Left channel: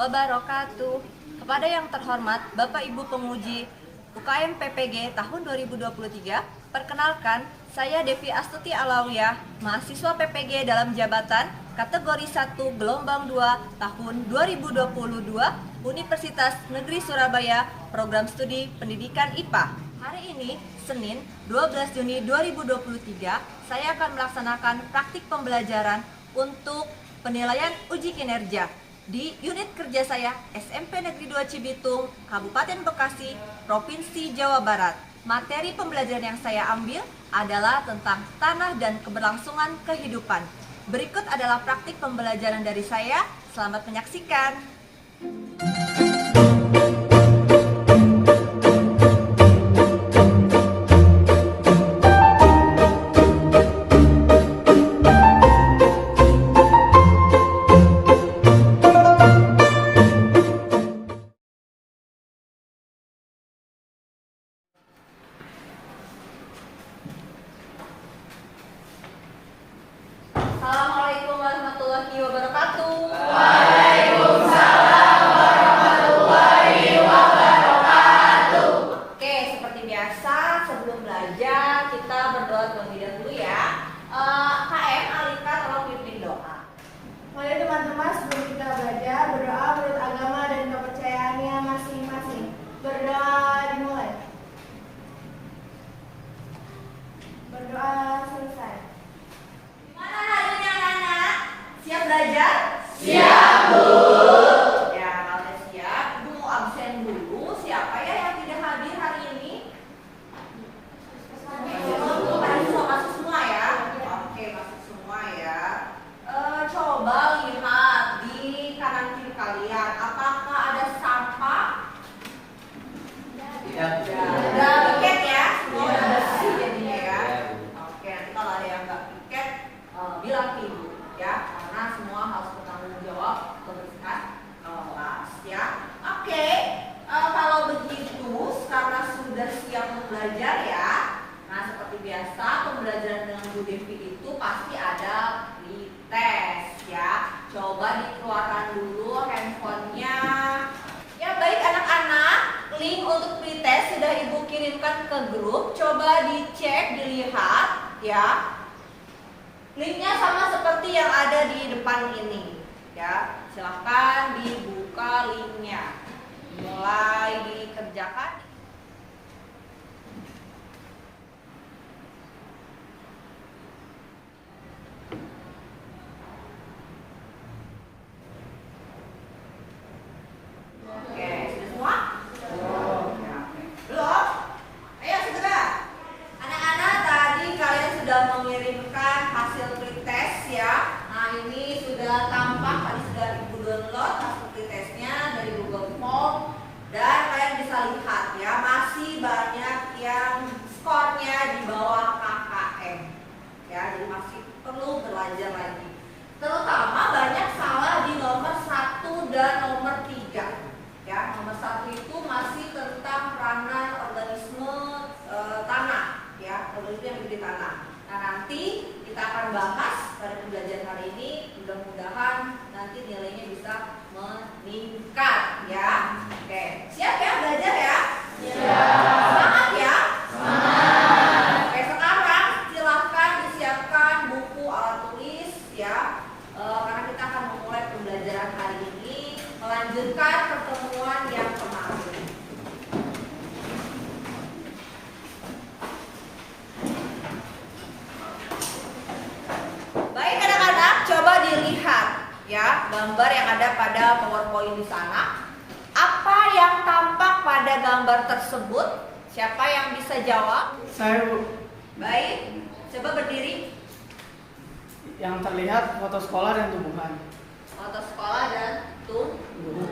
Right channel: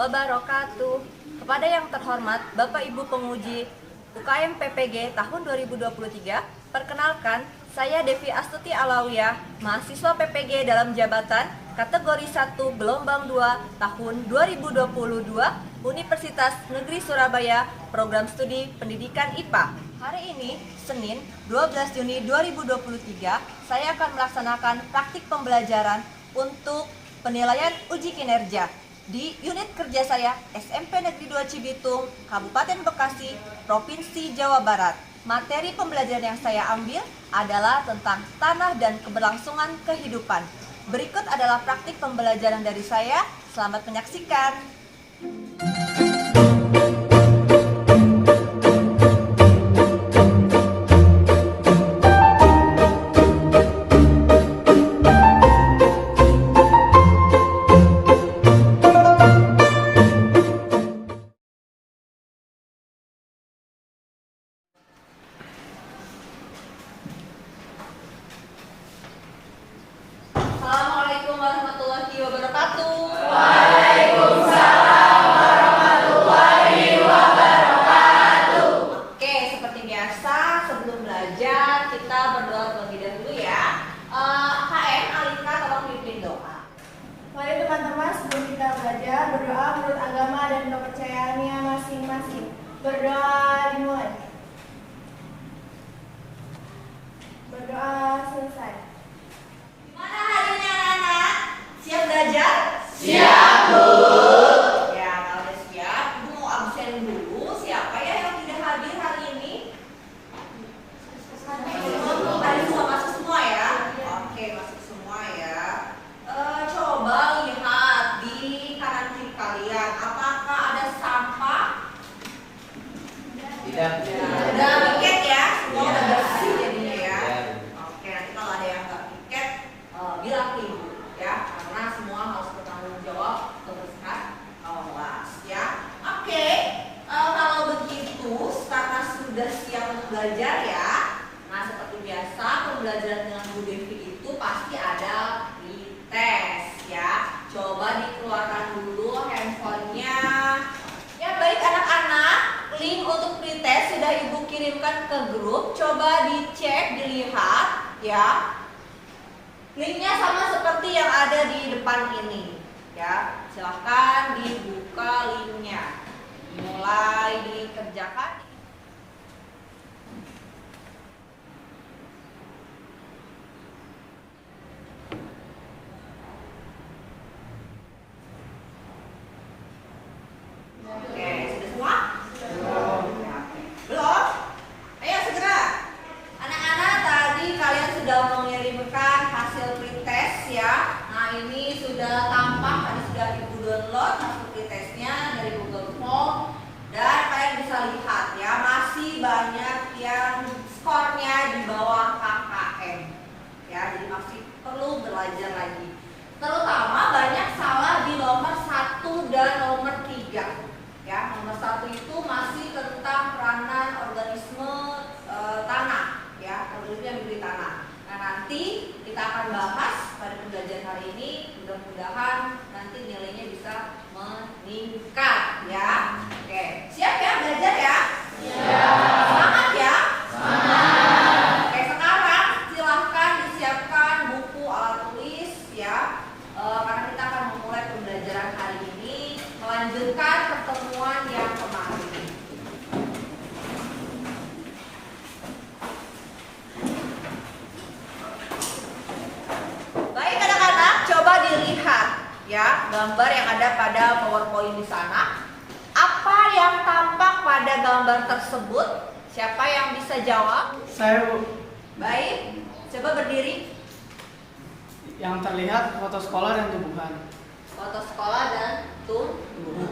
wabarakatuh. Kepada yang terhormat Bapak Ibu penguji UKM PPG tahun 2023, perkenalkan saya Devi Astuti Alawiyah, mahasiswa PPG dalam jabatan kategori 1 gelombang 2 tahun 2022 Universitas Negeri Surabaya, program studi pendidikan IPA. Hari ini, Senin 12 Juni 2023, saya akan melaksanakan praktik pembelajaran untuk penilaian uji kinerja di unit kerja saya SMP Negeri 2 Cibitung, Kabupaten Bekasi, Provinsi Jawa Barat. Materi pembelajaran yang saya ambil adalah tentang tanah dan keberlangsungan kehidupan. Berikut adalah praktik pembelajaran dari saya. Selamat menyaksikan. Assalamualaikum warahmatullahi wabarakatuh. Waalaikumsalam warahmatullahi wabarakatuh. Oke, seperti biasa sebelum belajar kita berdoa terlebih dahulu ya. KM Alika tolong pimpin doa. Mari teman-teman, sebelum kita belajar, berdoa menurut agama dan kepercayaannya masing-masing. Berdoa dimulai. Berdoa selesai. Gimana hari ini anak-anak? Siap belajar? Siap, Bu. Ya, kalau udah siap, Ibu mau absen dulu. Siapa ya yang tidak hadir hari ini? Masuk semua ya? Oke, masuk semua ya. Coba lihat di kanan kiri kalian. Apakah ada sampah? Tidak. Udah piket ya? Semua udah bersih jadinya ya? Oke, nanti kalau ada yang nggak piket, bilang ke ibu ya, karena semua harus bertanggung jawab kebersihan kelas ya. Oke, kalau begitu karena sudah siap untuk belajar ya. Nah, seperti biasa pembelajaran dengan Bu Devi itu pasti ada pretest ya. Coba dikeluarkan dulu handphonenya. Ya baik anak-anak, link untuk pretest sudah Ibu kirimkan ke grup. Coba dicek, dilihat ya. Linknya sama seperti yang ada di depan ini ya. Silahkan dibuka linknya. Mulai dikerjakan. Oke, sudah semua? Belum? Ayo segera. Anak-anak, tadi kalian sudah mengirimkan hasil pretest ya. Nah, ini sudah tampak, tadi sudah Ibu download hasil pretestnya dari Google Form. Dan kalian bisa lihat ya, masih banyak yang skornya di bawah KKM. Ya, jadi masih perlu belajar lagi. Terutama banyak salah di nomor 1 dan nomor 3. Ya, nomor 1 itu masih tentang peranan organisme tanah, ya, organisme yang hidup di tanah. Nah, nanti kita akan bahas pada pembelajaran hari ini. Mudah-mudahan nanti nilainya bisa meningkat, ya. Oke, siap ya belajar ya? Siap. Semangat ya? Semangat. Oke, sekarang silahkan disiapkan buku alat tulis ya. Karena kita akan memulai pembelajaran hari ini, melanjutkan pertemuan yang kemarin. Baik anak-anak, coba dilihat ya gambar yang ada pada PowerPoint di sana. Apa yang tampak pada gambar tersebut? Siapa yang bisa jawab? Saya, Bu. Baik, coba berdiri. Yang terlihat foto sekolah dan tumbuhan. Foto sekolah dan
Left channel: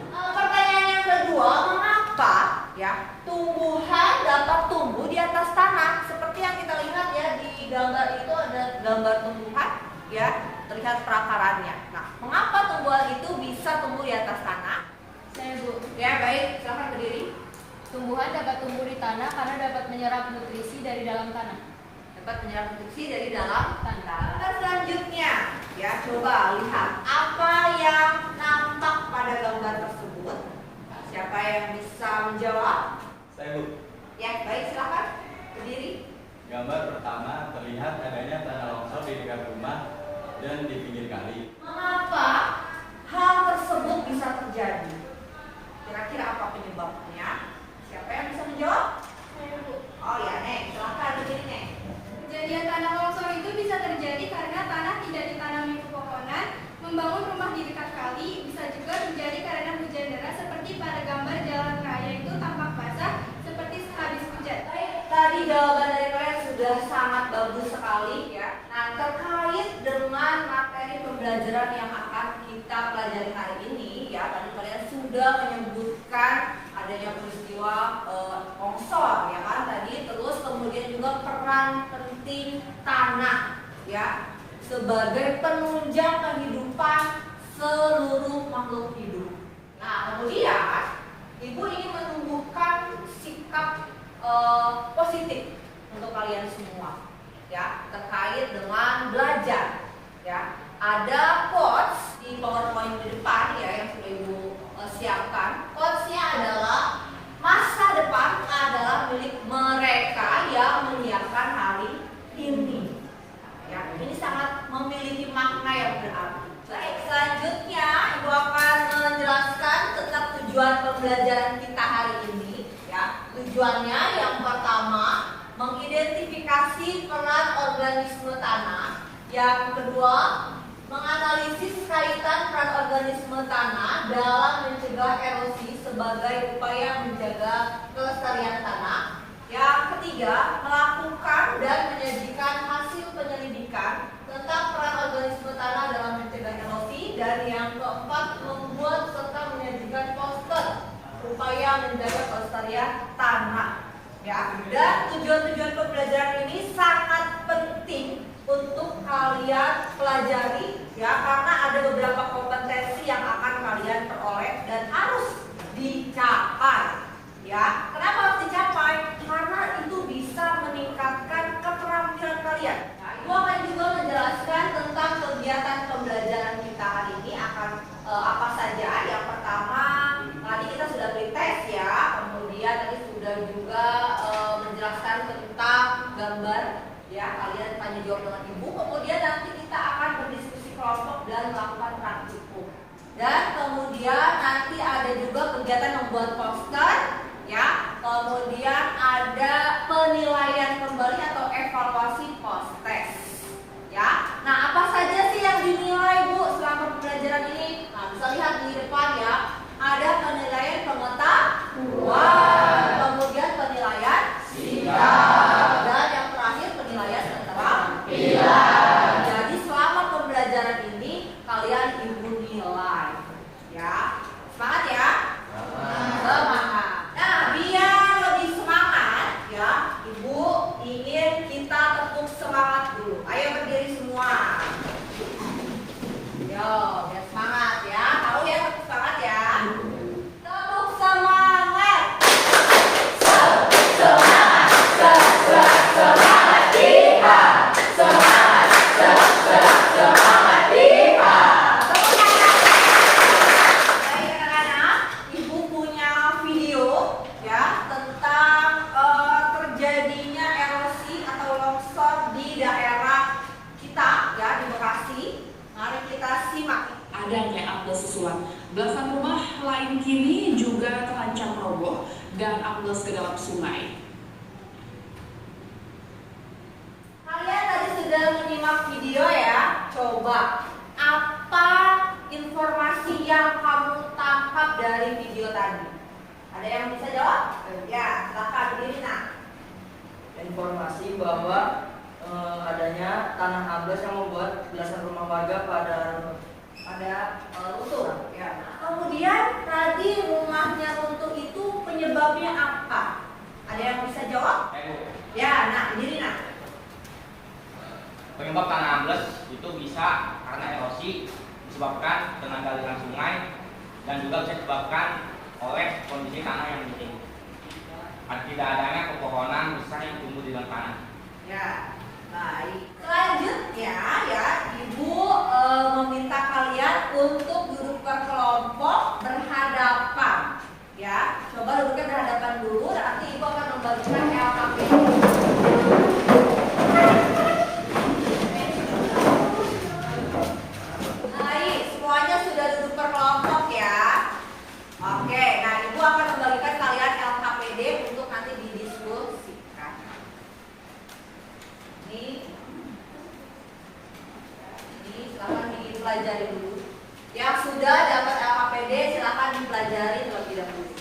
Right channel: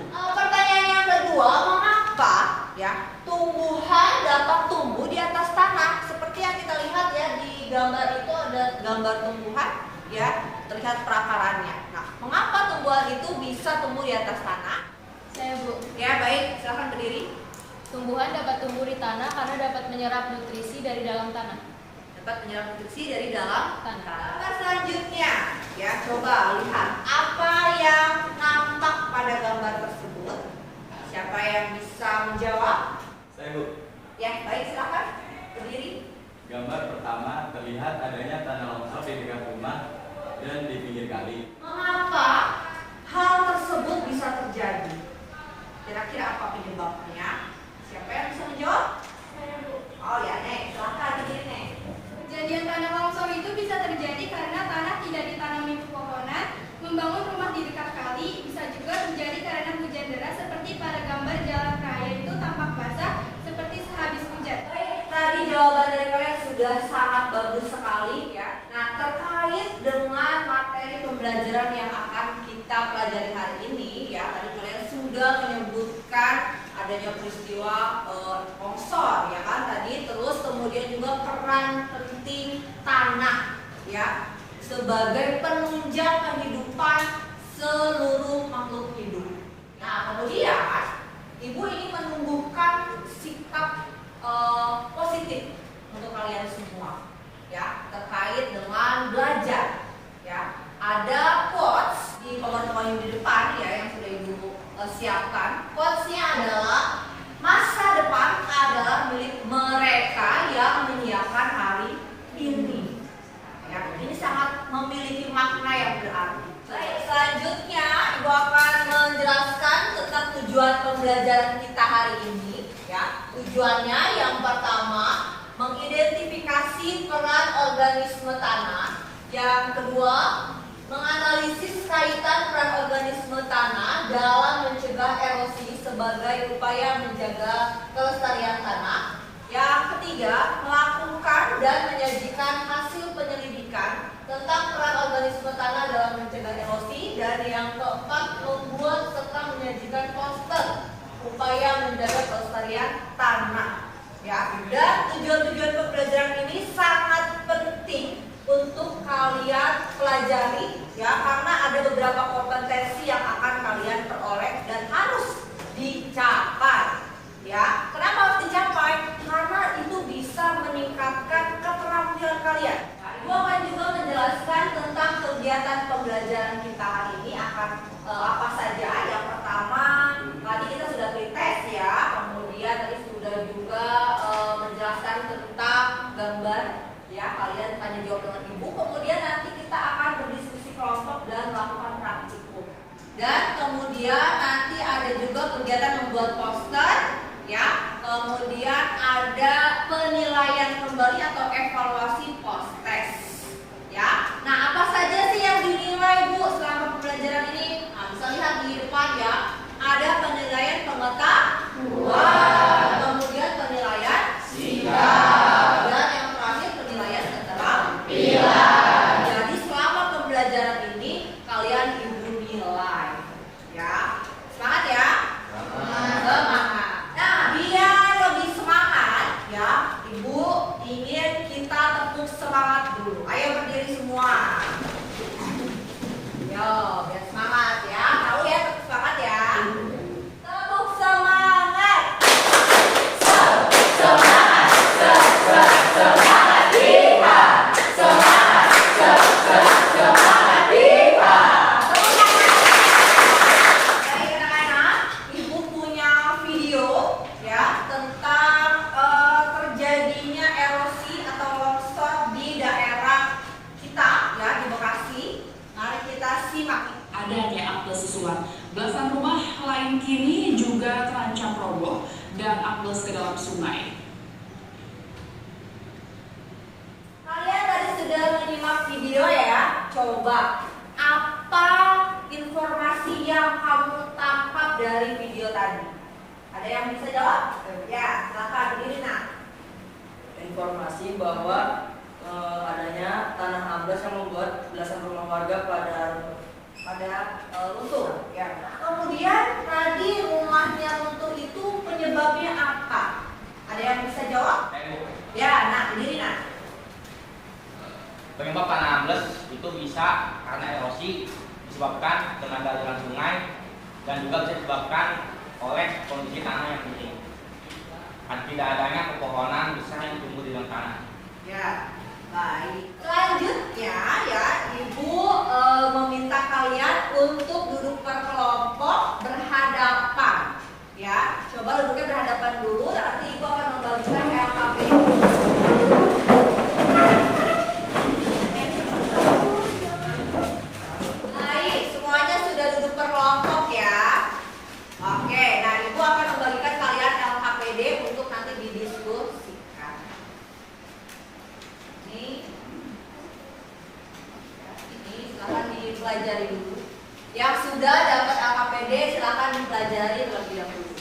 pertanyaan yang kedua, mengapa ya tumbuhan dapat tumbuh di atas tanah? Seperti yang kita lihat ya di gambar itu ada gambar tumbuhan ya, terlihat perakarannya. Nah, mengapa tumbuhan itu bisa tumbuh di atas tanah? Saya, Bu. Ya baik, silahkan berdiri. Tumbuhan dapat tumbuh di tanah karena dapat menyerap nutrisi dari dalam tanah. Dapat menyerap nutrisi dari dalam Tanah. Gambar selanjutnya ya, coba lihat apa yang nampak pada gambar tersebut. tersebut? Siapa yang bisa menjawab? Saya, Bu. Ya, baik, silakan berdiri. Gambar pertama terlihat adanya tanah longsor di dekat rumah dan di pinggir kali. Mengapa hal tersebut bisa terjadi? Kira-kira apa penyebabnya? Siapa yang bisa menjawab? Oh ya, Nek, silakan berdiri, Nek. Kejadian tanah longsor itu bisa terjadi karena tanah tidak ditanami pepohonan, membangun rumah di dekat kali, bisa juga terjadi karena hujan deras seperti pada gambar jalan raya itu tampak basah seperti sehabis hujan. Baik, tadi jawaban dari kalian sudah sangat bagus sekali ya. Nah, terkait dengan materi pembelajaran yang akan kita pelajari hari ini ya, tadi kalian sudah menyebutkan adanya peristiwa longsor ya kan tadi, terus kemudian juga peran penting tanah ya sebagai penunjang kehidupan seluruh makhluk hidup. Nah, kemudian Ibu ingin menumbuhkan sikap positif untuk kalian semua ya terkait dengan belajar ya. Ada quotes di PowerPoint di depan ya yang sudah Ibu siapkan. Quotesnya adalah masa depan adalah milik mereka yang menyiapkan hari ini. Ya, ini sangat memiliki makna yang berarti. Baik, selanjutnya Ibu akan menjelaskan tentang tujuan pembelajaran kita hari ini. Ya, tujuannya yang pertama mengidentifikasi peran organisme tanah. Yang kedua, menganalisis kaitan peran organisme tanah dalam mencegah erosi sebagai upaya menjaga kelestarian tanah. Yang ketiga, melakukan dan menyajikan hasil penyelidikan tentang peran organisme tanah dalam mencegah erosi. Dan yang keempat, membuat serta menyajikan poster upaya menjaga kelestarian tanah. Ya, dan tujuan-tujuan pembelajaran ini sangat penting untuk kalian pelajari ya, karena ada beberapa kompetensi yang akan kalian peroleh dan harus dicapai ya. Kenapa harus dicapai? Karena itu bisa meningkatkan keterampilan kalian. Nah, Ibu akan juga menjelaskan tentang kegiatan pembelajaran kita hari ini akan apa saja. Yang pertama tadi kita sudah pretest ya, kemudian tadi sudah juga menjelaskan tentang gambar ya, kalian tanya jawab dengan Ibu. Kemudian nanti kita akan berdiskusi kelompok dan melakukan praktikum. Dan kemudian nanti ada juga kegiatan membuat poster ya. Kemudian ada penilaian kembali atau evaluasi post test ya. Nah, apa saja sih yang dinilai Bu selama pembelajaran ini? Nah, bisa lihat di depan ya. Ada penilaian pengetahuan, kemudian penilaian sikap, dan yang terakhir penilaian keterampilan. Jadi selama pembelajaran ini kalian Ibu nilai ya. Semangat ya. Semangat. Nah, biar lebih semangat ya, Ibu ingin kita tepuk semangat dulu. Ayo berdiri semua. Yo, biar semangat ya. Tahu ya tepuk semangat ya. Tepuk semangat. Semangat, semangat kita. Semangat, semangat kita. Baik anak-anak, Ibu punya video ya tentang terjadinya erosi atau longsor di daerah kita ya di Bekasi. Mari kita simak. Adanya ambles susulan. Belasan rumah lain kini juga terancam roboh dan ambles ke dalam sungai. Kalian tadi sudah menyimak video ya. Coba apa informasi yang kamu tangkap dari video tadi? Ada yang bisa jawab? Ya, silakan berdiri nak. Informasi bahwa adanya tanah ambles yang membuat belasan rumah warga pada runtuh. Ya. Kemudian tadi rumahnya runtuh itu penyebabnya apa? Ada yang bisa jawab? Ya, nak berdiri nak. Penyebab tanah ambles itu bisa karena erosi disebabkan dengan aliran sungai dan juga bisa disebabkan oleh kondisi tanah yang kering. Tidak adanya pepohonan besar yang tumbuh di dalam tanah. Ya, baik. Selanjutnya ya, Ibu meminta kalian untuk duduk berkelompok berhadapan. dipelajari terlebih dahulu.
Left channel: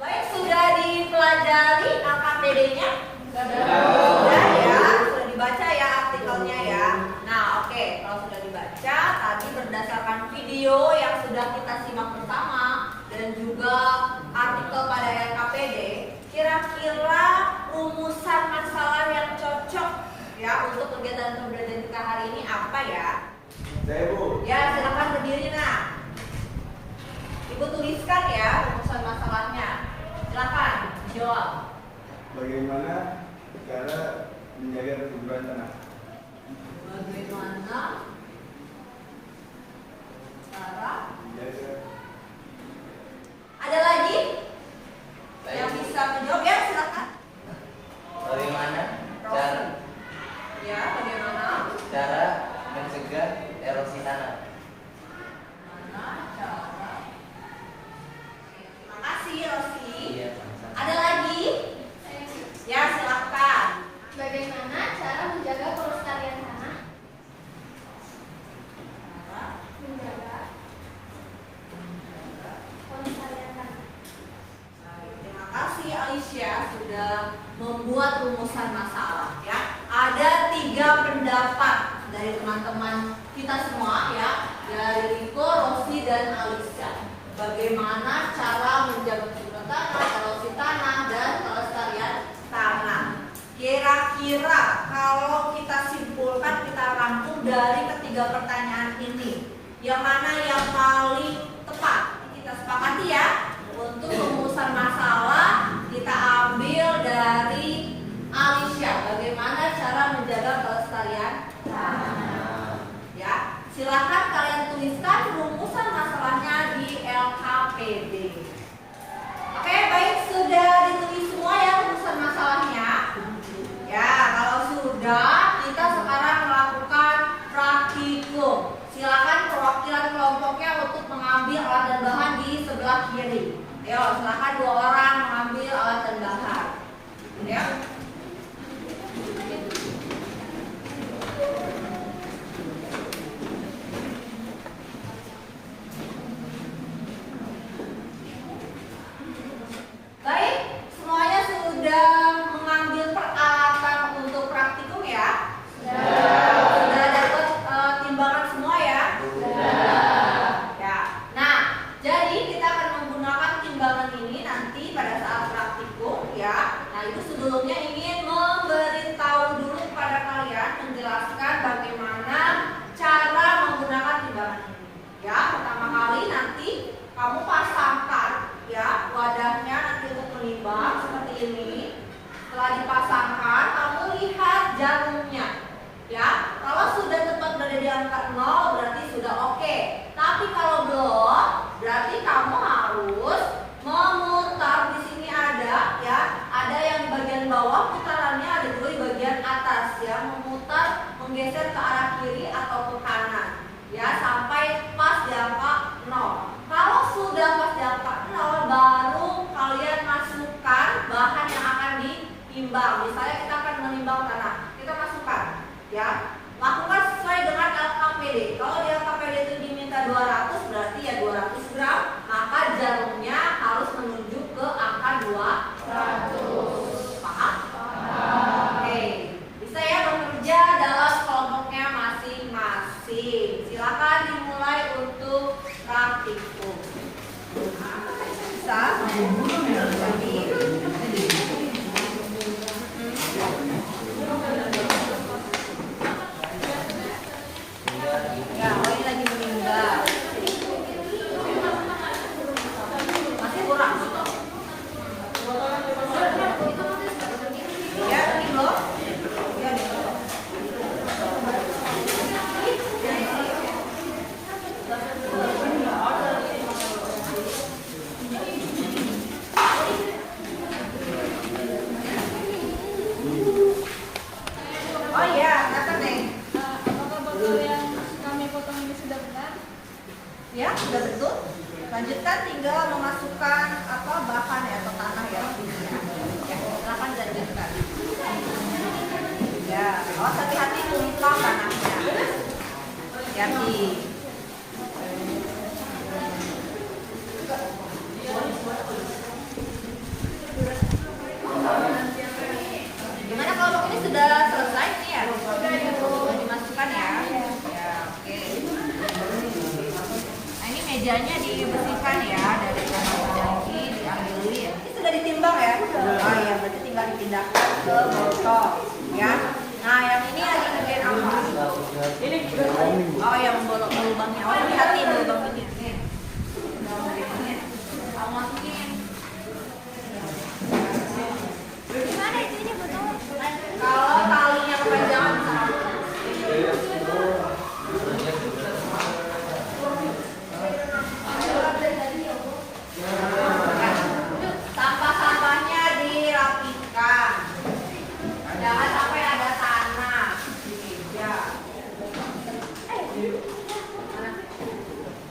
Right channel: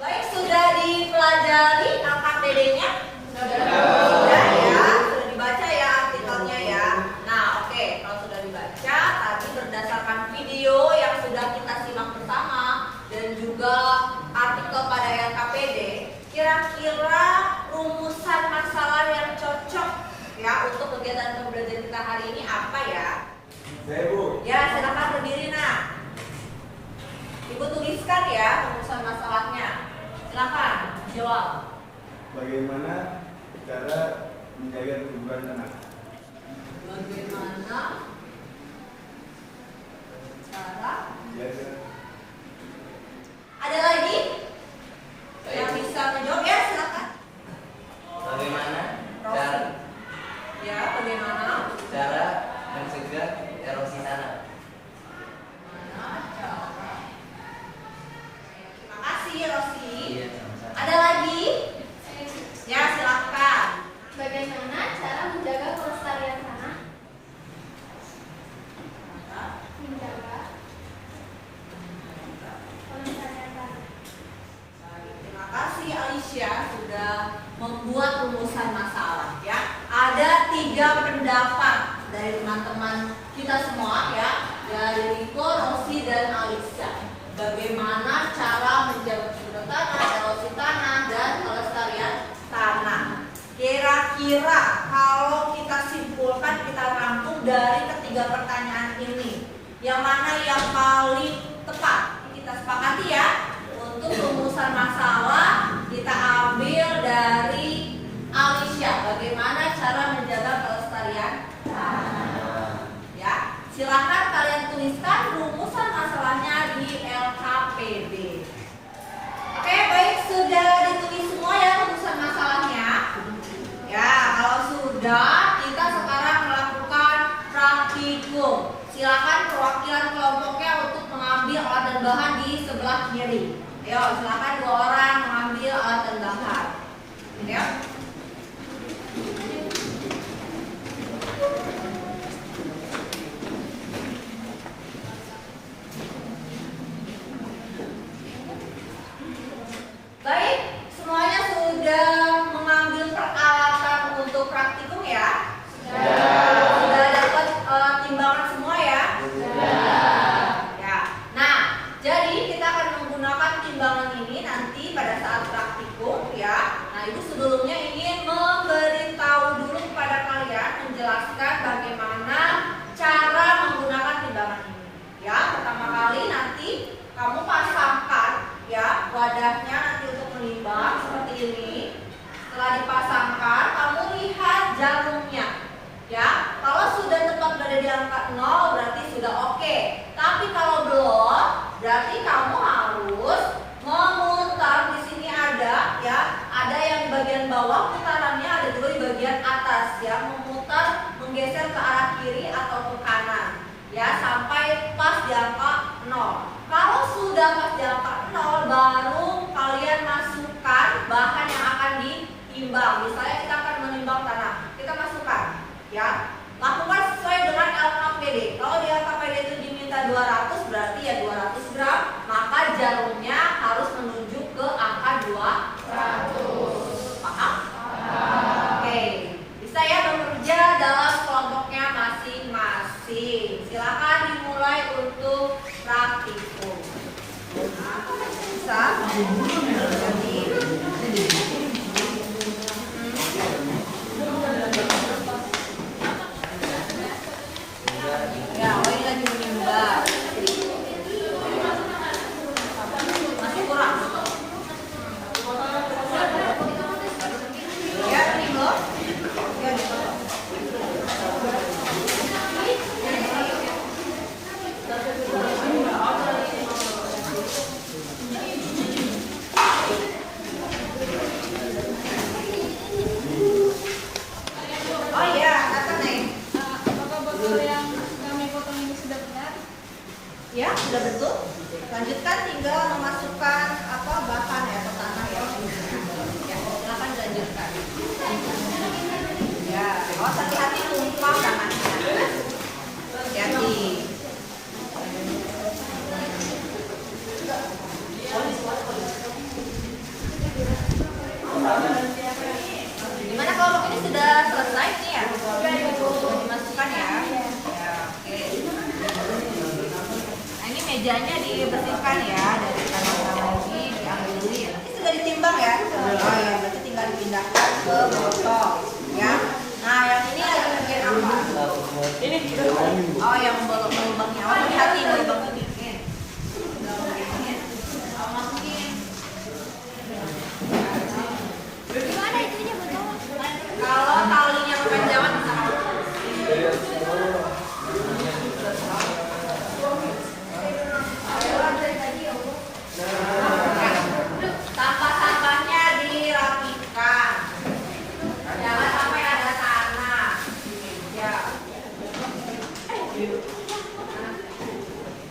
Baik, sudah dipelajari LKPD-nya? Sudah ya, sudah dibaca ya artikelnya ya. Nah, oke, kalau sudah dibaca, tadi berdasarkan video yang sudah kita simak bersama dan juga artikel pada LKPD, kira-kira rumusan masalah yang cocok ya untuk kegiatan pembelajaran kita hari ini apa ya? Saya Bu. Ya, silakan berdiri nak. Ibu tuliskan ya rumusan masalahnya. Silakan jawab. Bagaimana cara menjaga kesuburan tanah? Bagaimana cara? Menjaga. Ada lagi yang bisa menjawab ya? Silakan. Bagaimana Rosi. Ya, bagaimana cara mencegah erosi tanah? Terima kasih Rosi. Iya, sama-sama. Ada lagi? Ya, silakan. Bagaimana cara menjaga kelestarian tanah? Menjaga kelestarian tanah. Baik, terima kasih Alicia sudah membuat rumusan masalah ya. Ada 3 pendapat dari teman-teman kita semua ya, dari Riko, Rosi, dan Alicia. Bagaimana cara menjaga kesuburan tanah, erosi tanah, dan kelestarian tanah. Kira-kira kalau kita simpulkan, kita rangkum dari ketiga pertanyaan ini, yang mana yang paling tepat? Kita sepakati ya. Untuk rumusan masalah kita ambil dari Alicia. Bagaimana cara menjaga kelestarian tanah? Ya, silakan kalian tuliskan rumusan masalahnya di LKPD. Oke, baik, sudah ditulis semua ya rumusan masalahnya. Ya, kalau sudah, kita sekarang melakukan praktikum. Silakan perwakilan kelompoknya untuk mengambil alat dan bahan di sebelah kiri. Ayo, silakan 2 orang mengambil alat dan bahan. Ya. Baik, semuanya sudah mengambil peralatan untuk praktikum ya? Sudah dapat timbangan semua ya? Ya. Nah, jadi kita akan menggunakan timbangan ini nanti pada saat praktikum ya. Nah, Ibu sebelumnya ingin memberitahu dulu kepada kalian, menjelaskan bagaimana cara menggunakan timbangan ini. Ya, pertama kali nanti kamu pasangkan ya wadahnya nanti untuk menimbang seperti ini. Setelah dipasangkan, kamu lihat jarumnya. Ya, kalau sudah tepat berada di angka 0 berarti sudah oke. Tapi kalau belum, berarti kamu harus memutar. Di sini ada ya, ada yang di bagian bawah putarannya, ada juga di bagian atas ya, memutar, menggeser ke arah kiri atau ke kanan ya sampai pas di angka 0. Kalau sudah pas di angka 0 baru kalian masukkan bahan yang akan ditimbang. Misalnya kita akan menimbang tanah, kita masukkan ya, lakukan sesuai dengan LKPD. Kalau di LKPD itu diminta 200 berarti ya 200 gram, maka jarumnya harus menuju ke angka 200. Paham? Oke, bisa ya bekerja dalam kelompoknya masing-masing. Silakan dimulai untuk praktikum. Bisa? Jadi ya, oh ini lagi menimba. Masih kurang. Ya, ini loh. Ya, ini loh. Oh iya, kata Neng. Apakah botol yang kami potong ini sudah benar? Ya, sudah betul. Lanjutkan, tinggal memasukkan apa bahan ya atau tanah ya. Ya, silakan dilanjutkan. Ya. Ya, awas hati-hati tumpah tanahnya. Hati-hati. Gimana kalau ini sudah selesai nih ya? Dimasukkan ya. Ya, oke. Nah, ini mejanya dibersihkan ya dari tanah-tanah ini diambilin. Ini sudah ditimbang ya? Oh iya, berarti tinggal dipindahkan ke botol ya. Nah, yang ini lagi ngerjain apa? Ini. Oh, yang lubangnya. Oh, hati-hati lubangnya. Kalau talinya kepanjangan sampah-sampahnya dirapikan. Jangan sampai ada tanah di meja.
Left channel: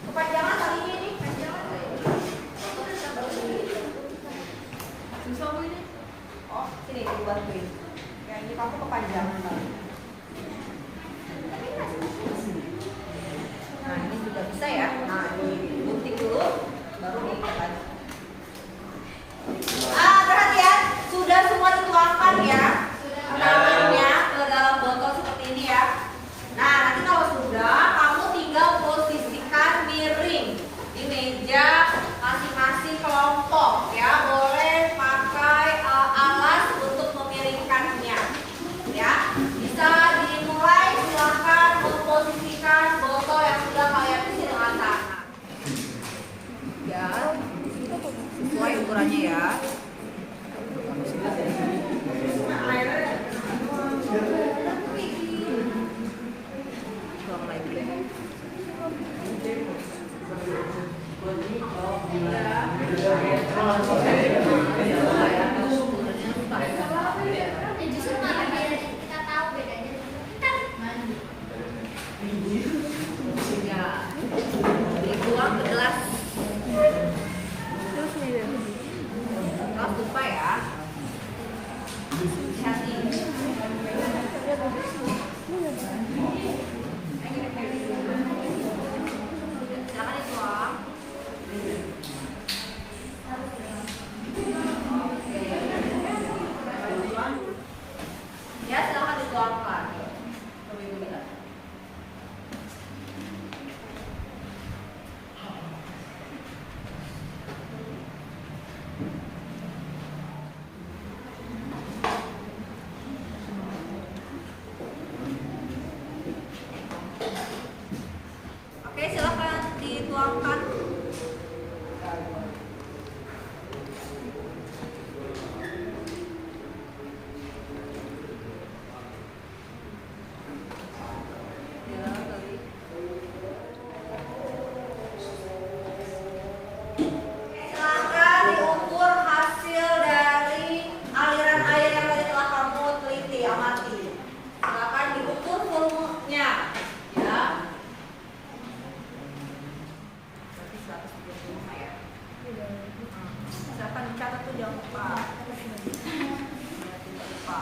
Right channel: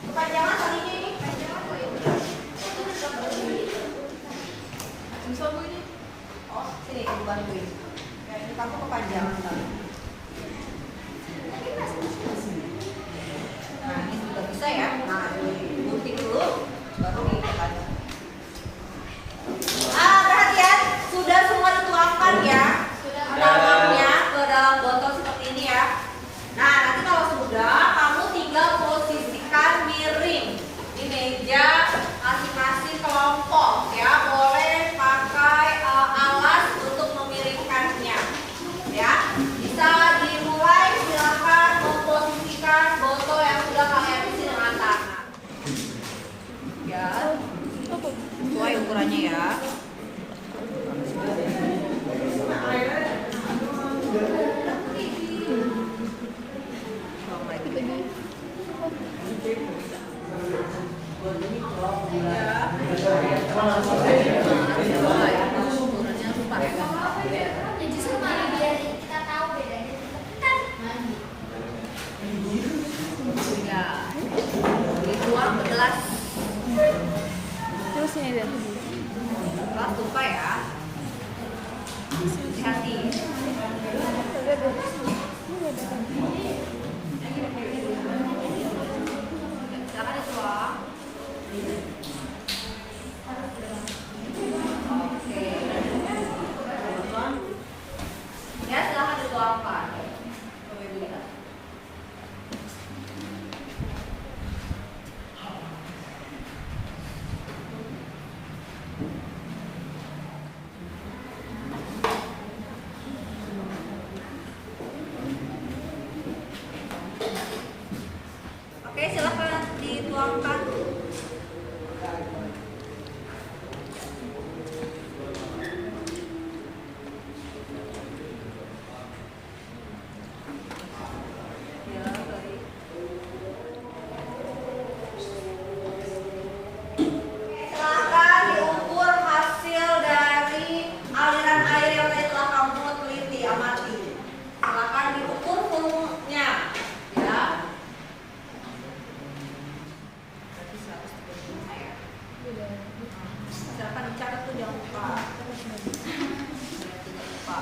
Kepanjangan talinya ini. Bisa Bu ini? Oh, sini aku bantuin. Ya, ini kamu kepanjangan tadi. Nah, ini sudah bisa ya. Nah, digunting dulu, baru dipanjang. Perhatian, sudah semua dituangkan ya tanamnya ke dalam botol seperti ini ya. Nah, nanti kalau sudah, kamu tinggal posisikan miring di meja masing-masing kelompok ya. Boleh pakai alas untuk memiringkannya ya. Bisa dimulai, silakan memposisikan botol yang sudah kalian isi dengan tanah ya, sesuai ukurannya ya. Dituang ke gelas. Gelas lupa ya. Hati-hati. Silakan dituang. Oke. Ya, silakan dituangkan. Coba Ibu lihat. Oke, silakan dituangkan. Ya, baik. Silakan diukur hasil dari aliran air yang tadi telah kamu teliti, amati. Silakan diukur volumenya, ya. Berarti 125 ya. Silakan dicatat tuh, jangan lupa. Jangan lupa.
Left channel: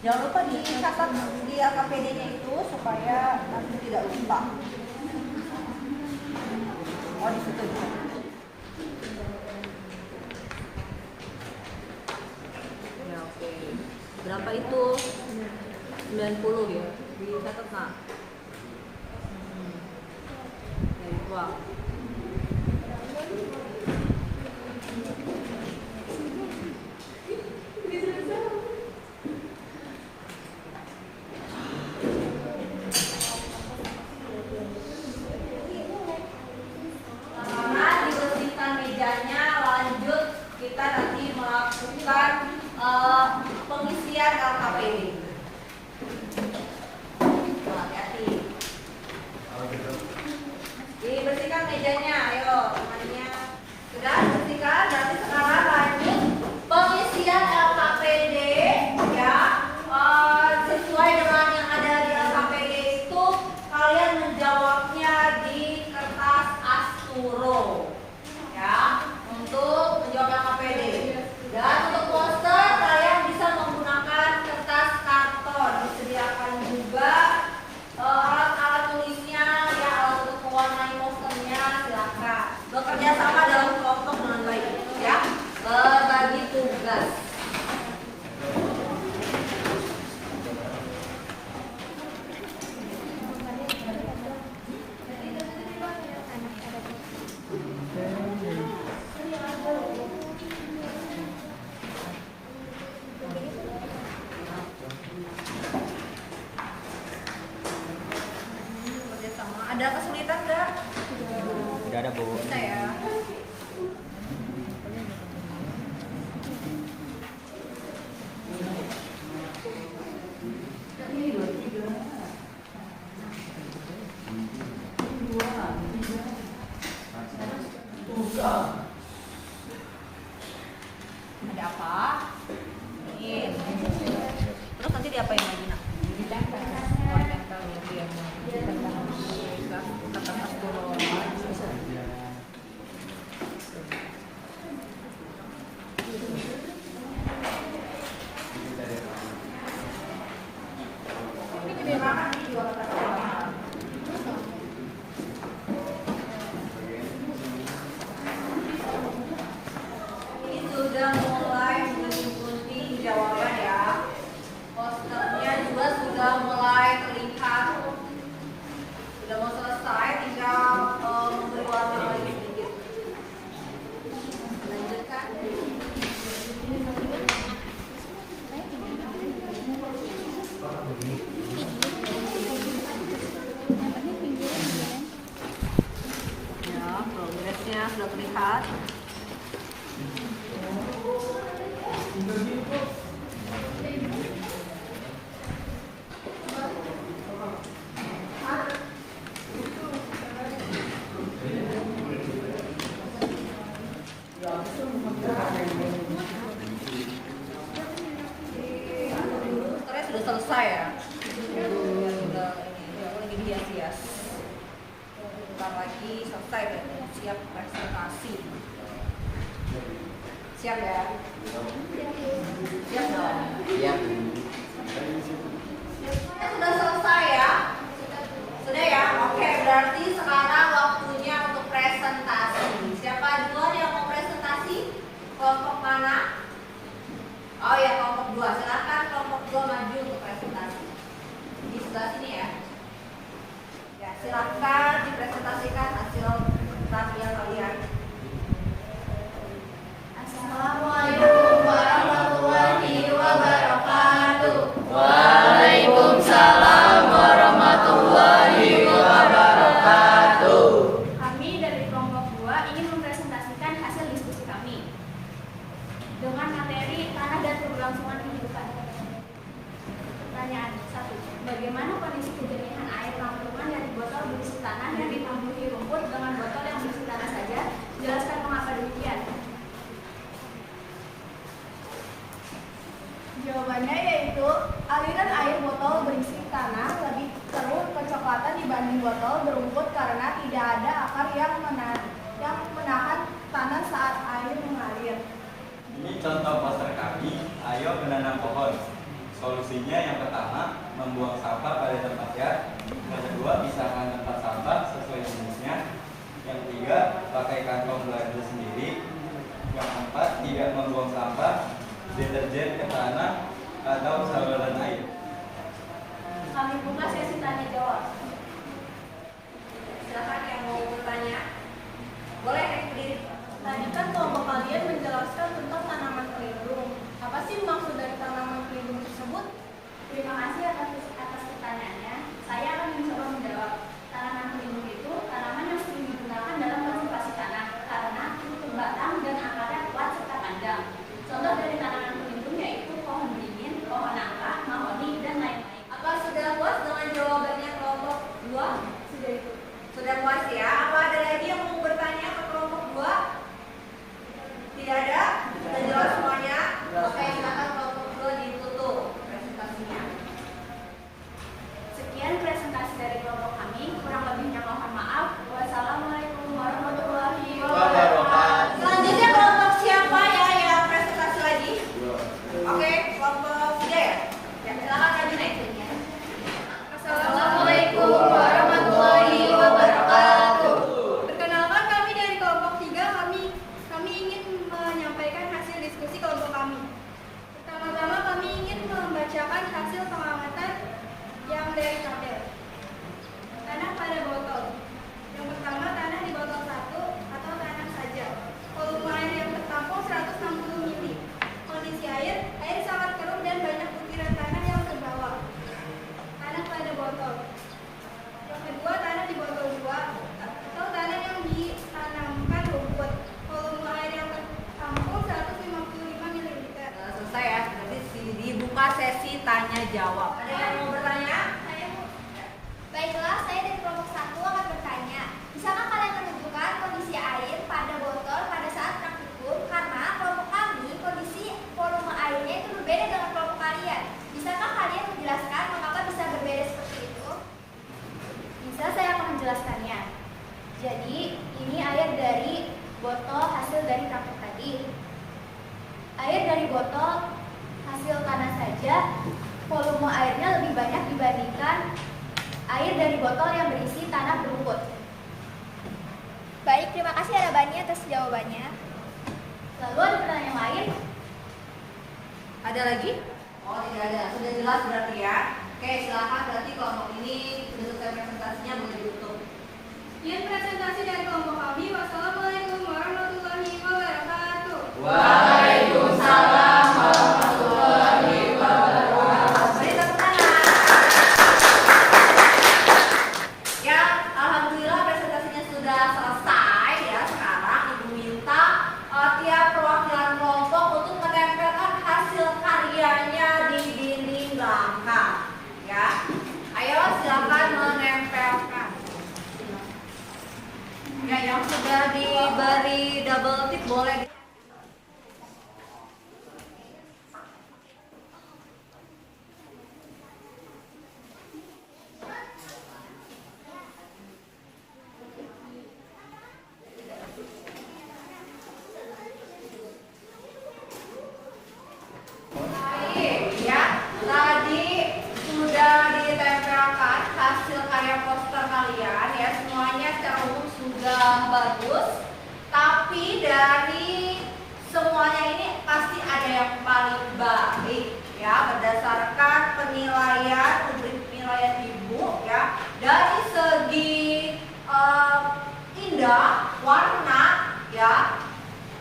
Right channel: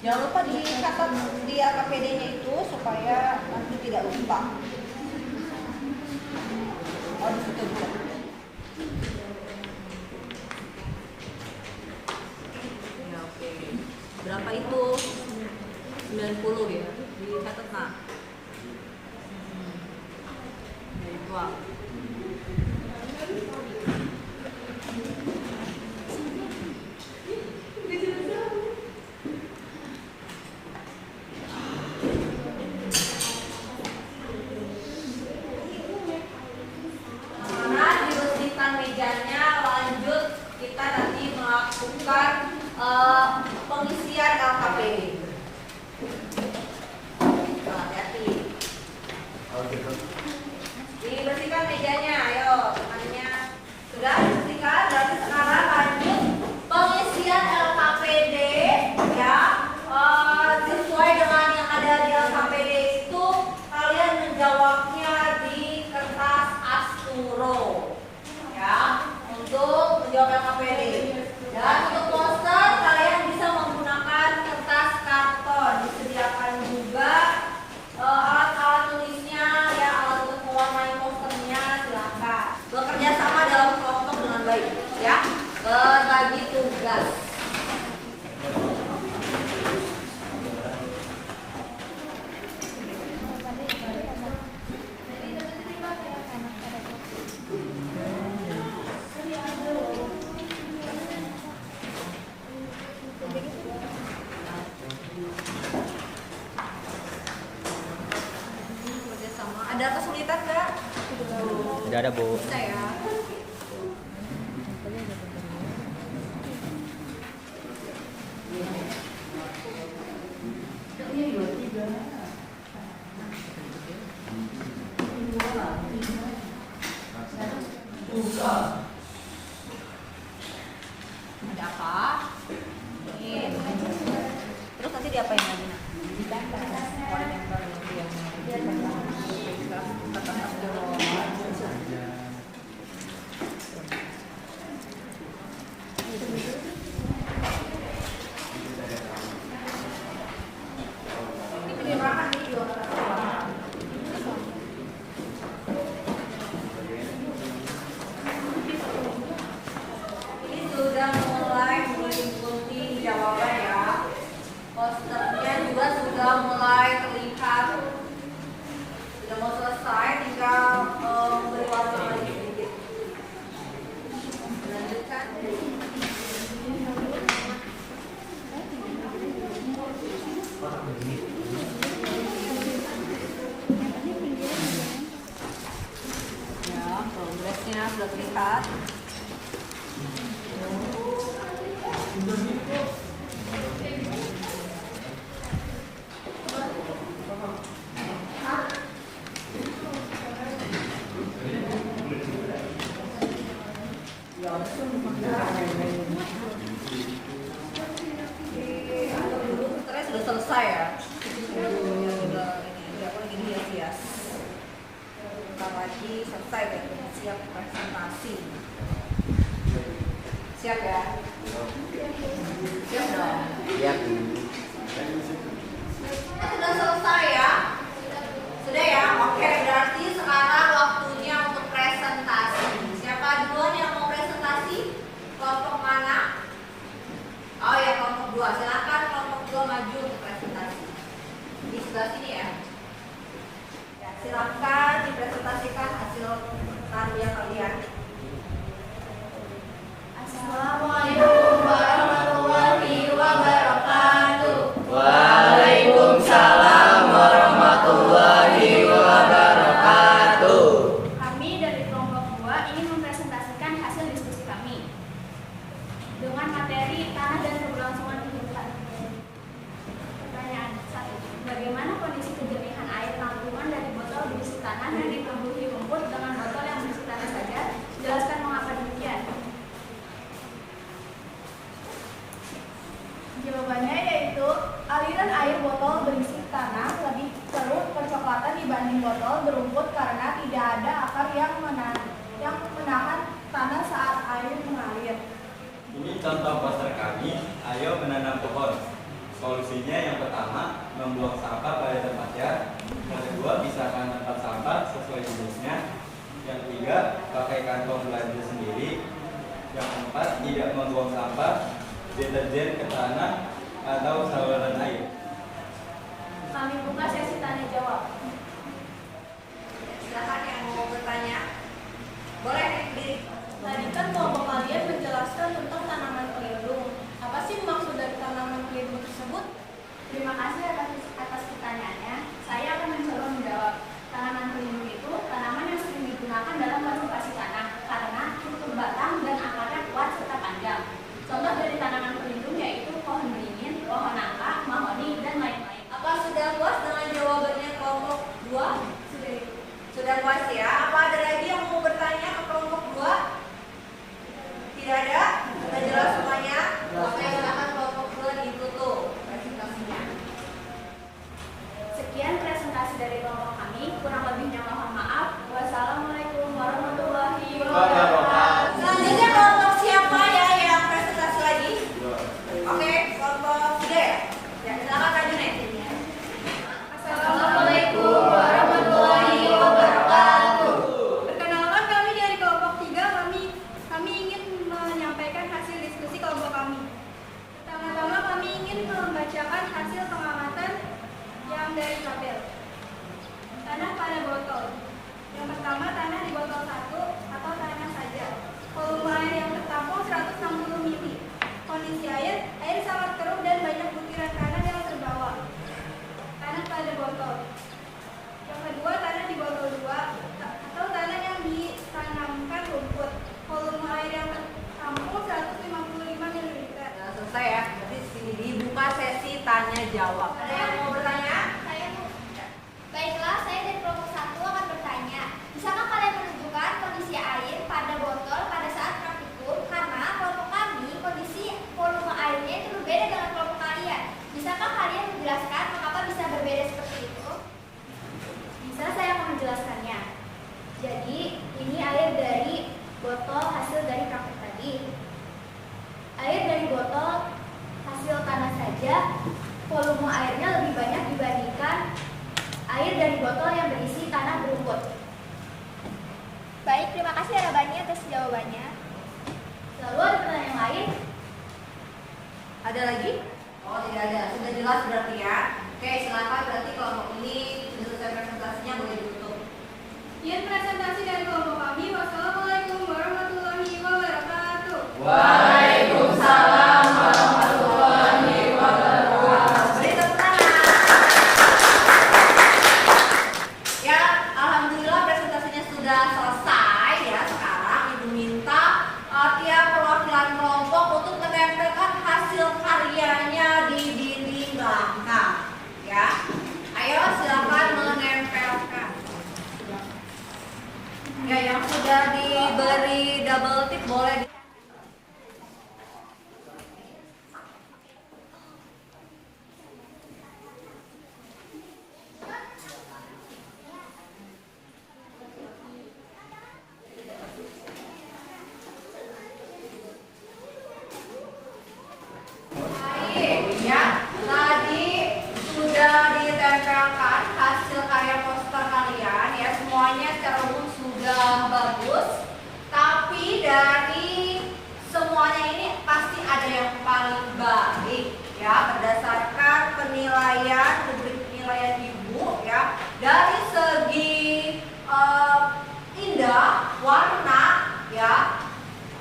Jangan lupa dicatat di AKPD-nya itu supaya nanti tidak lupa. Oh, di situ bisa. Ya, oke. Berapa itu? 90 ya. Dicatat, Nak. Ya, dituang. Mejanya, lanjut kita nanti melakukan pengisian LKPD. Hati-hati. Dibersihkan Ada kesulitan nggak? Tidak ada, Bu. Bisa ya. Ada apa? Ini. Terus nanti diapain lagi, Nak? Ditempel. Oh, ditempel gitu ya. Kata tas dulu. Ini sudah mulai mengikuti jawaban ya. Posternya juga sudah mulai terlihat. Sudah mau selesai, tinggal memberi warna lagi sedikit. Lanjutkan. Ya, progresnya sudah terlihat. Posternya sudah selesai ya. Gini hias-hias. Bentar lagi selesai deh. Siap presentasi. Siap ya? Siap dong. Siap. Sudah selesai ya? Sudah ya? Oke, berarti sekarang waktunya untuk presentasi. Siapa duluan yang mau presentasi? Kelompok mana? Oh ya, kelompok 2. Silakan kelompok 2 maju untuk presentasi. Di sebelah sini ya. Ya, silakan dipresentasikan hasil karya kalian. Assalamualaikum warahmatullahi wabarakatuh. Waalaikumsalam warahmatullahi wabarakatuh. Kami dari kelompok 2 ingin mempresentasikan hasil diskusi kami dengan materi tanah dan keberlangsungan kehidupan. Pertanyaan 1. Bagaimana kondisi kejernihan air tampungan dari botol berisi tanah yang ditumbuhi rumput dengan botol yang berisi tanah saja? Jelaskan mengapa demikian. Jawabannya yaitu aliran air botol berisi tanah lebih keruh kecoklatan dibanding botol berumput karena tidak ada akar yang menahan tanah saat air mengalir. Ini contoh poster kami, ayo menanam pohon. Solusinya yang pertama, membuang sampah pada tempatnya. Yang kedua, pisahkan tempat sampah sesuai jenisnya. Yang ketiga, pakai kantong belanja sendiri. Yang keempat, tidak membuang sampah, deterjen ke tanah atau saluran air. Kami buka sesi tanya jawab. Silakan yang mau bertanya. Boleh berdiri. Tadi kan kelompok kalian menjelaskan tentang tanaman pelindung. Apa sih maksud dari tanaman pelindung tersebut? Terima kasih atas pertanyaannya. Saya akan mencoba menjawab. Tanaman pelindung itu tanaman yang sering digunakan dalam konservasi tanah karena berbatang dan akarnya kuat serta panjang. Contoh dari tanaman pelindung yaitu pohon beringin, pohon nangka, mahoni, dan lain-lain. Apa sudah puas dengan jawabannya kelompok 2? Sudah puas ya? Apa ada lagi yang mau bertanya ke kelompok 2? Tidak ada? Sudah jelas semuanya? Oke, silakan kelompok 2 ditutup presentasinya. Sekian presentasi dari kelompok kami. Kurang lebihnya mohon maaf. Wassalamualaikum warahmatullahi wabarakatuh. Selanjutnya kelompok siapa ya yang presentasi lagi? Oke, kelompok 3 ya? Ya, silakan maju nih. Assalamualaikum warahmatullahi wabarakatuh. botol hasil dari praktek tadi. Air dari botol hasil tanah saja, volume airnya lebih banyak dibandingkan air dari botol yang berisi tanah berumput. Baik, terima kasih Ada Bani atas jawabannya. Lalu ada pertanyaan lain? Ada lagi? Oh, tidak ada. Sudah jelas berarti ya. Oke, silakan berarti kelompok ini sudah selesai presentasinya, boleh ditutup. Sekian presentasi dari kelompok kami. Wassalamualaikum warahmatullahi wabarakatuh. Waalaikumsalam warahmatullahi wabarakatuh. Beri tepuk tangan. Ya, alhamdulillah presentasinya sudah selesai ya. Sekarang Ibu minta tiap perwakilan kelompok untuk menempelkan hasil karyanya di dinding belakang. Ya, ayo silakan menempelkan. Ya, yang sudah diberi double tip boleh. Baik, ya. Tadi sudah ditempelkan hasil karya poster kalian ya, semuanya secara umum sudah bagus. Tapi dari semuanya ini pasti ada yang paling baik ya, berdasarkan penilaian rubrik penilaian Ibu ya. Dari segi indah, warna ya,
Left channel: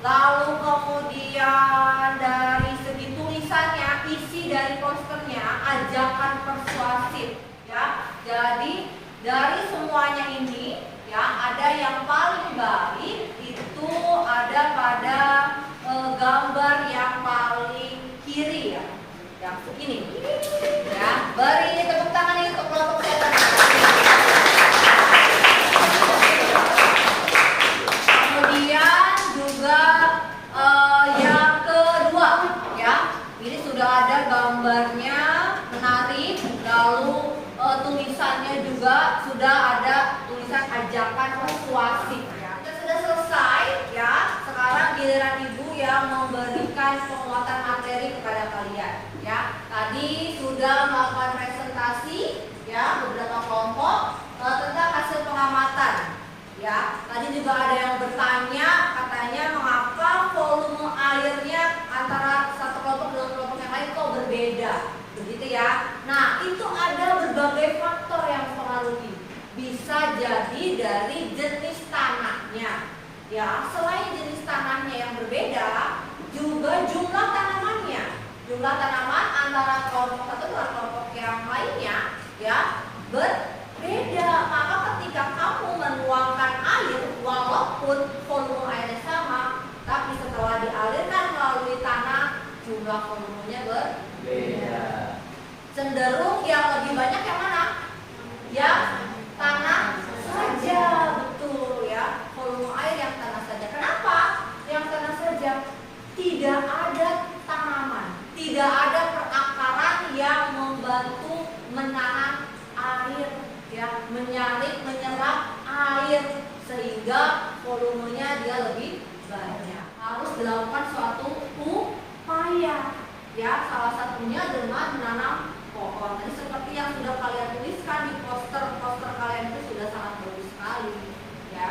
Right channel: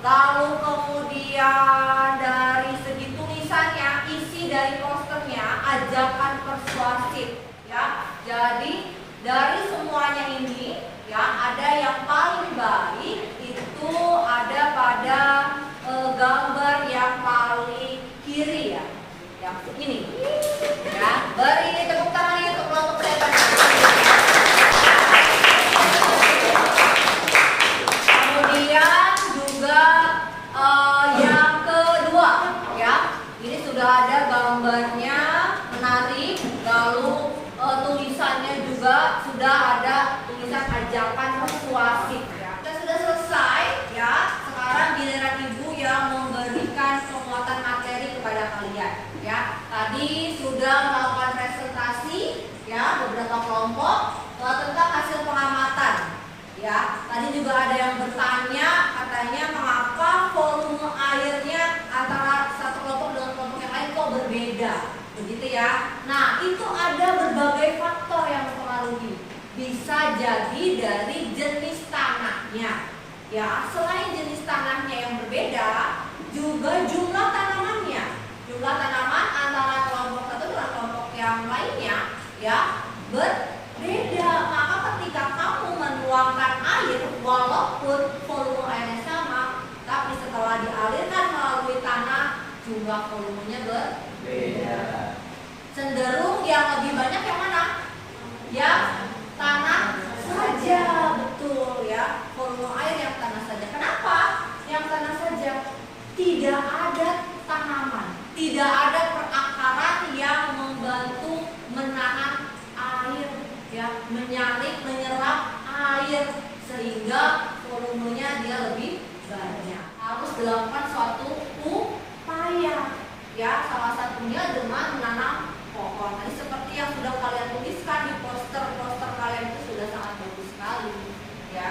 lalu kemudian dari segi tulisannya, isi dari posternya, ajakan persuasif ya. Jadi dari semuanya ini ya, ada yang paling baik itu ada pada gambar yang paling kiri ya, yang segini ya. Beri tepuk tangan ini untuk kelompok setan. Kemudian juga yang kedua ya, ini sudah ada gambarnya menarik, lalu tulisannya juga sudah ada tulisan ajakan persuasif ya. Kita sudah selesai ya. Sekarang giliran Ibu yang memberikan penguatan materi kepada kalian ya. Tadi sudah melakukan presentasi ya, beberapa kelompok tentang hasil pengamatan ya. Tadi juga ada yang bertanya, katanya mengapa volume airnya antara satu kelompok dengan kelompok yang lain kok berbeda, begitu ya. Nah, itu ada berbagai faktor yang mempengaruhi. Bisa jadi dari jenis tanahnya ya. Selain jenis tanahnya yang berbeda, juga jumlah tanamannya. Jumlah tanaman antara kelompok satu dengan kelompok yang lainnya ya berbeda. Maka ketika kamu menuangkan air, walaupun volume airnya sama, tapi setelah dialirkan melalui tanah, jumlah volumenya berbeda. Cenderung yang lebih banyak yang mana? Yang tanah saja, betul ya. Volume air yang tanah saja. Kenapa? Yang tanah saja. Tidak ada tanaman, tidak ada perakaran yang membantu menahan air ya, menyaring, menyerap air sehingga volumenya dia lebih banyak. Harus dilakukan suatu upaya ya, salah satunya dengan menanam pohon. Tadi seperti yang sudah kalian tuliskan di poster kalian itu sudah sangat bagus sekali ya.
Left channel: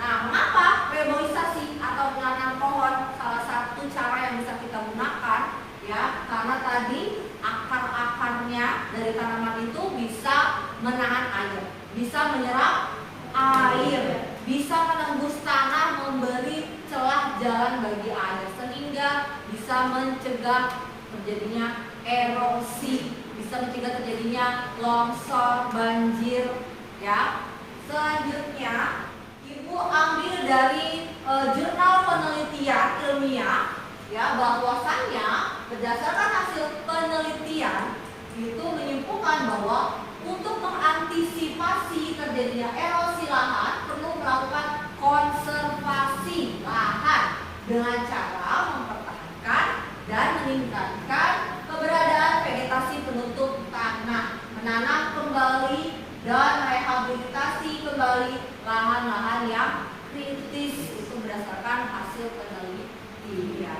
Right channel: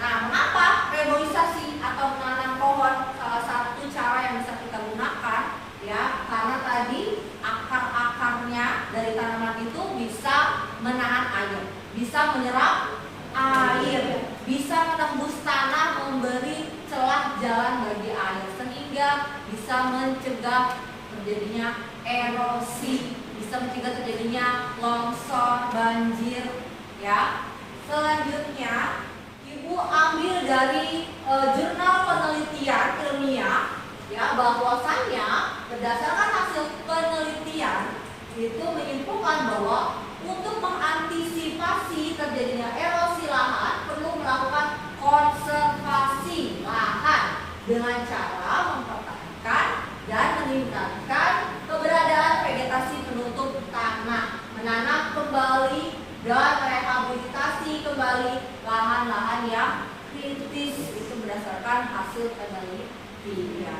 Nah, mengapa reboisasi atau menanam pohon salah satu cara yang bisa kita gunakan ya? Karena tadi akar-akarnya dari tanaman itu bisa menahan air, bisa menyerap air, bisa menembus tanah, memberi celah jalan bagi air, sehingga bisa mencegah terjadinya erosi, bisa mencegah terjadinya longsor, banjir ya. Selanjutnya Ibu ambil dari jurnal penelitian ilmiah ya, bahwasannya berdasarkan hasil penelitian itu menyimpulkan bahwa untuk mengantisipasi terjadinya erosi lahan perlu melakukan konservasi lahan dengan cara mempertahankan dan meningkatkan keberadaan vegetasi penutup tanah, menanam kembali dan rehabilitasi kembali kembali lahan-lahan yang kritis itu berdasarkan hasil penelitian.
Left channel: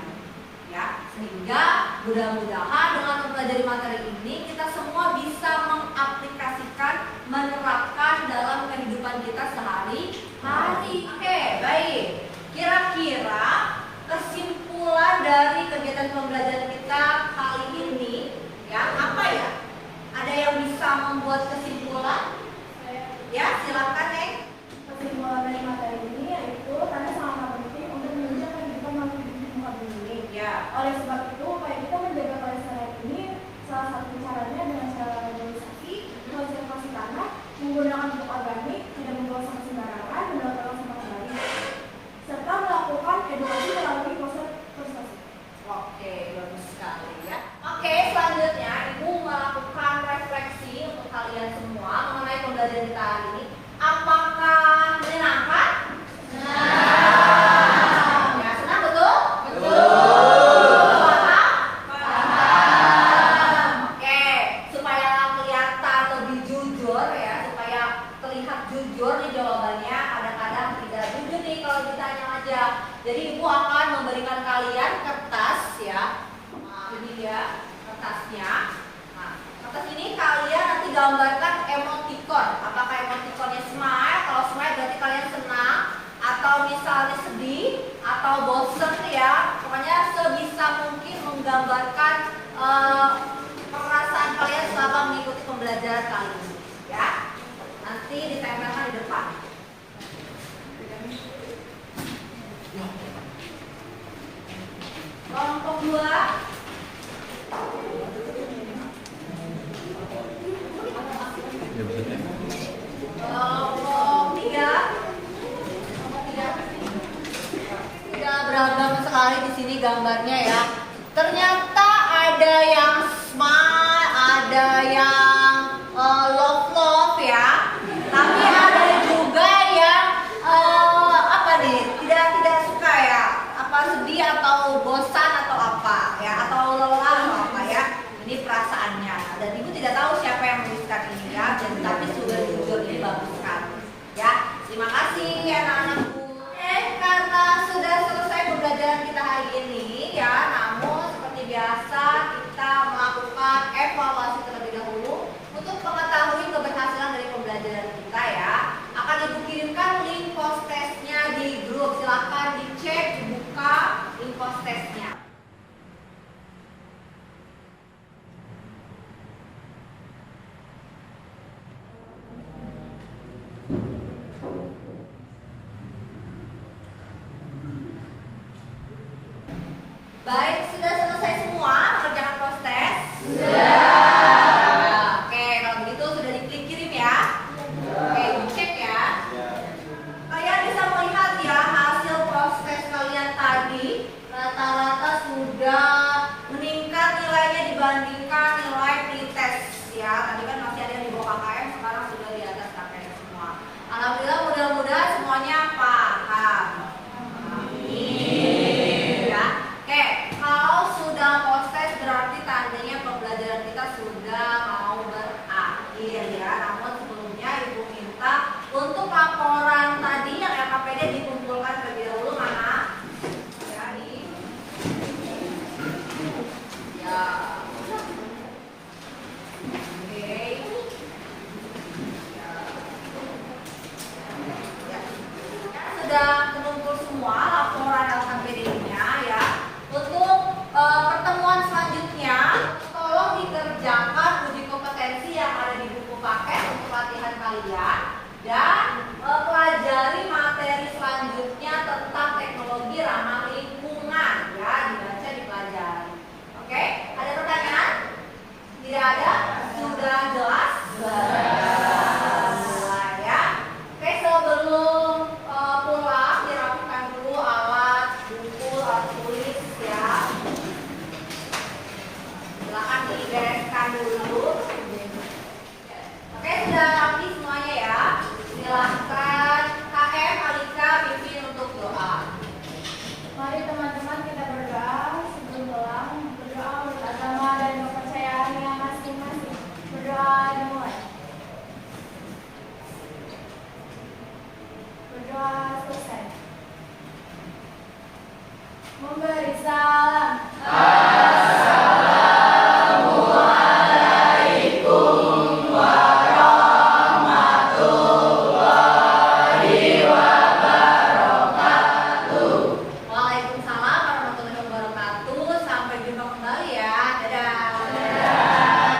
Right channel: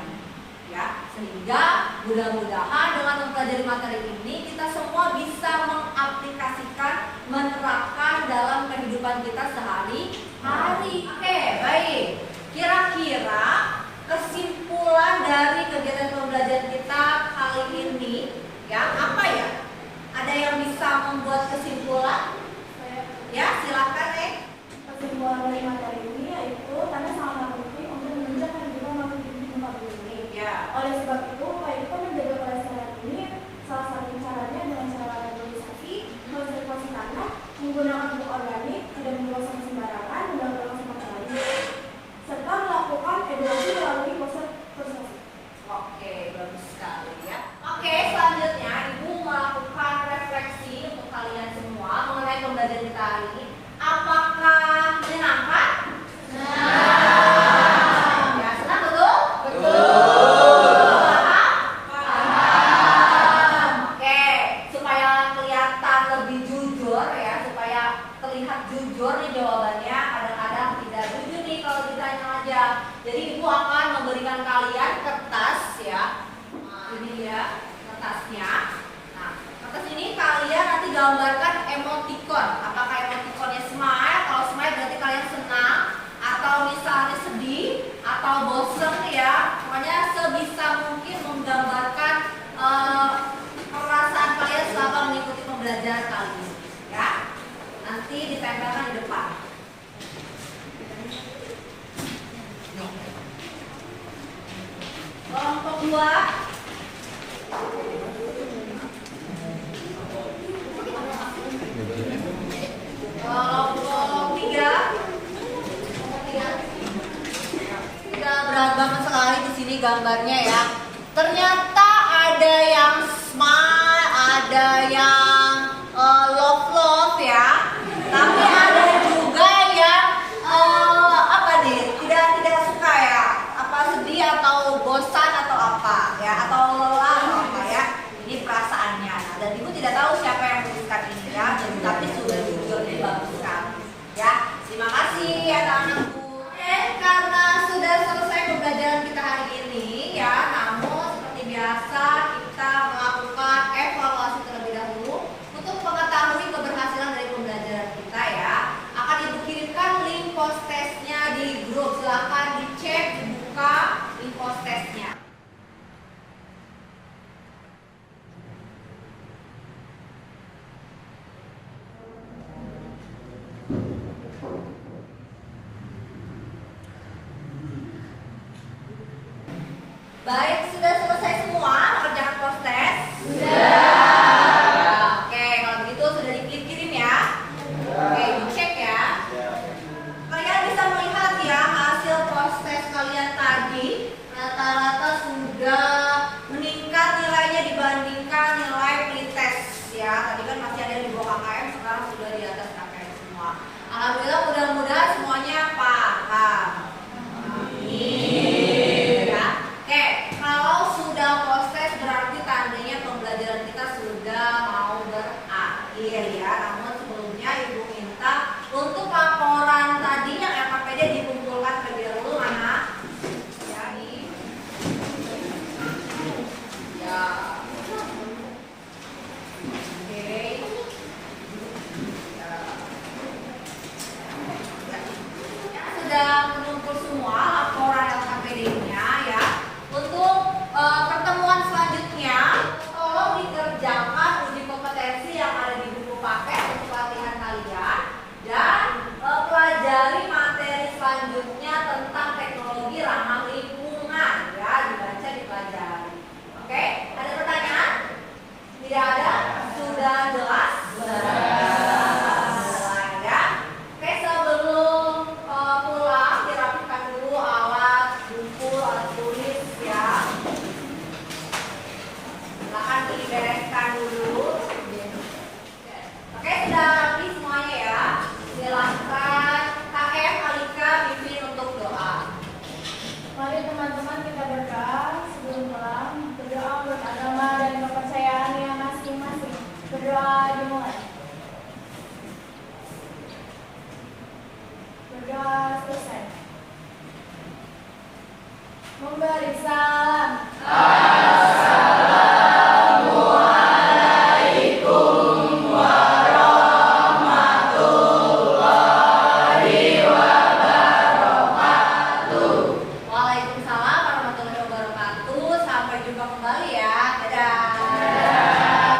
Ya, sehingga mudah-mudahan dengan mempelajari materi ini kita semua bisa mengaplikasikan, menerapkan dalam kehidupan kita sehari-hari. Oke, baik. Kira-kira kesimpulan dari kegiatan pembelajaran kita kali ini, ya, apa ya? Ada yang bisa membuat kesimpulan? Ya, silakan, Neng. Kesimpulan dari materi ini yaitu karena sangat penting untuk menunjang kehidupan manusia di tempat ini. Ya. Oleh sebab itu, upaya kita menjaga kelestarian ini salah satu caranya dengan cara reboisasi, konservasi tanah, menggunakan pupuk organik, tidak membuang sampah sembarangan, mendaur sampah kembali, serta melakukan edukasi melalui konservasi. Oke, bagus sekali ya. Oke, selanjutnya Ibu melakukan refleksi untuk kalian semua mengenai pembelajaran kita hari ini. Apakah menyenangkan? Senang. Ya, senang betul? Betul. Paham? Oke, supaya kelihatan lebih jujur ya, supaya terlihat jujur nih jawabannya. Kadang-kadang tidak jujur nih kalau ditanya aja. Jadi Ibu akan memberikan kalian kertas ya. Nah, ini dia kertasnya. Nah, kertas ini kalian nanti gambarkan emoticon. Apakah emoticonnya smile? Kalau smile berarti kalian senang, atau misalnya sedih, atau bosen ya. Pokoknya sebisa mungkin menggambarkan perasaan kalian selama mengikuti pembelajaran kali ini ya. Nanti ditempelkan di depan. Kelompok 2. Kelompok 3. Tidak beragam sekali di sini gambarnya ya. Ternyata ada yang smile, ada yang love ya. Tapi ada juga yang apa nih? Tidak suka ya. Apa sedih atau bosan atau apa ya, atau lelah atau apa ya. Ini perasaannya. Nah, dan Ibu tidak tahu siapa yang menuliskan ini ya. Tapi sudah jujur, ini bagus sekali. Ya, terima kasih anak-anakku. Karena sudah selesai pembelajaran kita hari ini ya, namun seperti biasa kita melakukan evaluasi terlebih dahulu untuk mengetahui keberhasilan dari pembelajaran kita ya. Akan Ibu kirimkan link post testnya di grup. Silahkan dicek, dibuka link post testnya. Baik, sudah selesai semua mengerjakan post test? Sudah. Oke, kalau begitu sudah diklik kirim ya. Oke, dicek ya. Kalian bisa melihat ya hasil post test kalian tadi rata-rata sudah meningkat nilainya dibandingkan nilai pretest ya. Tadi kan masih ada yang di bawah KKM, sekarang sudah di atas KKM semua. Alhamdulillah, mudah-mudahan semuanya paham. Amin. Ya. Oke, kalau sudah post test berarti tandanya pembelajaran kita sudah mau berakhir ya. Namun sebelumnya Ibu minta untuk laporan tadi yang LKPD dikumpulkan terlebih dahulu mana? Ya, ini. Ya. Oke. Ya, sudah mengumpul semua laporan LKPD-nya ya. Untuk pertemuan selanjutnya, tolong dikerjakan uji kompetensi yang ada di buku paket untuk latihan kalian dan pelajari materi selanjutnya tentang teknologi ramah lingkungan ya, dibaca dipelajari. Oke, ada pertanyaan? Tidak ada? Sudah jelas? Ya. Oke, sebelum pulang dirapikan dulu alat buku, alat tulis ya. Silahkan dibereskan dulu. Oke, sudah rapi semuanya ya. Silahkan KM, Alika, pimpin untuk doa. Mari teman-teman kita berdoa sebelum pulang. Berdoa menurut agama dan kepercayaannya masing-masing. Berdoa dimulai. Memberi salam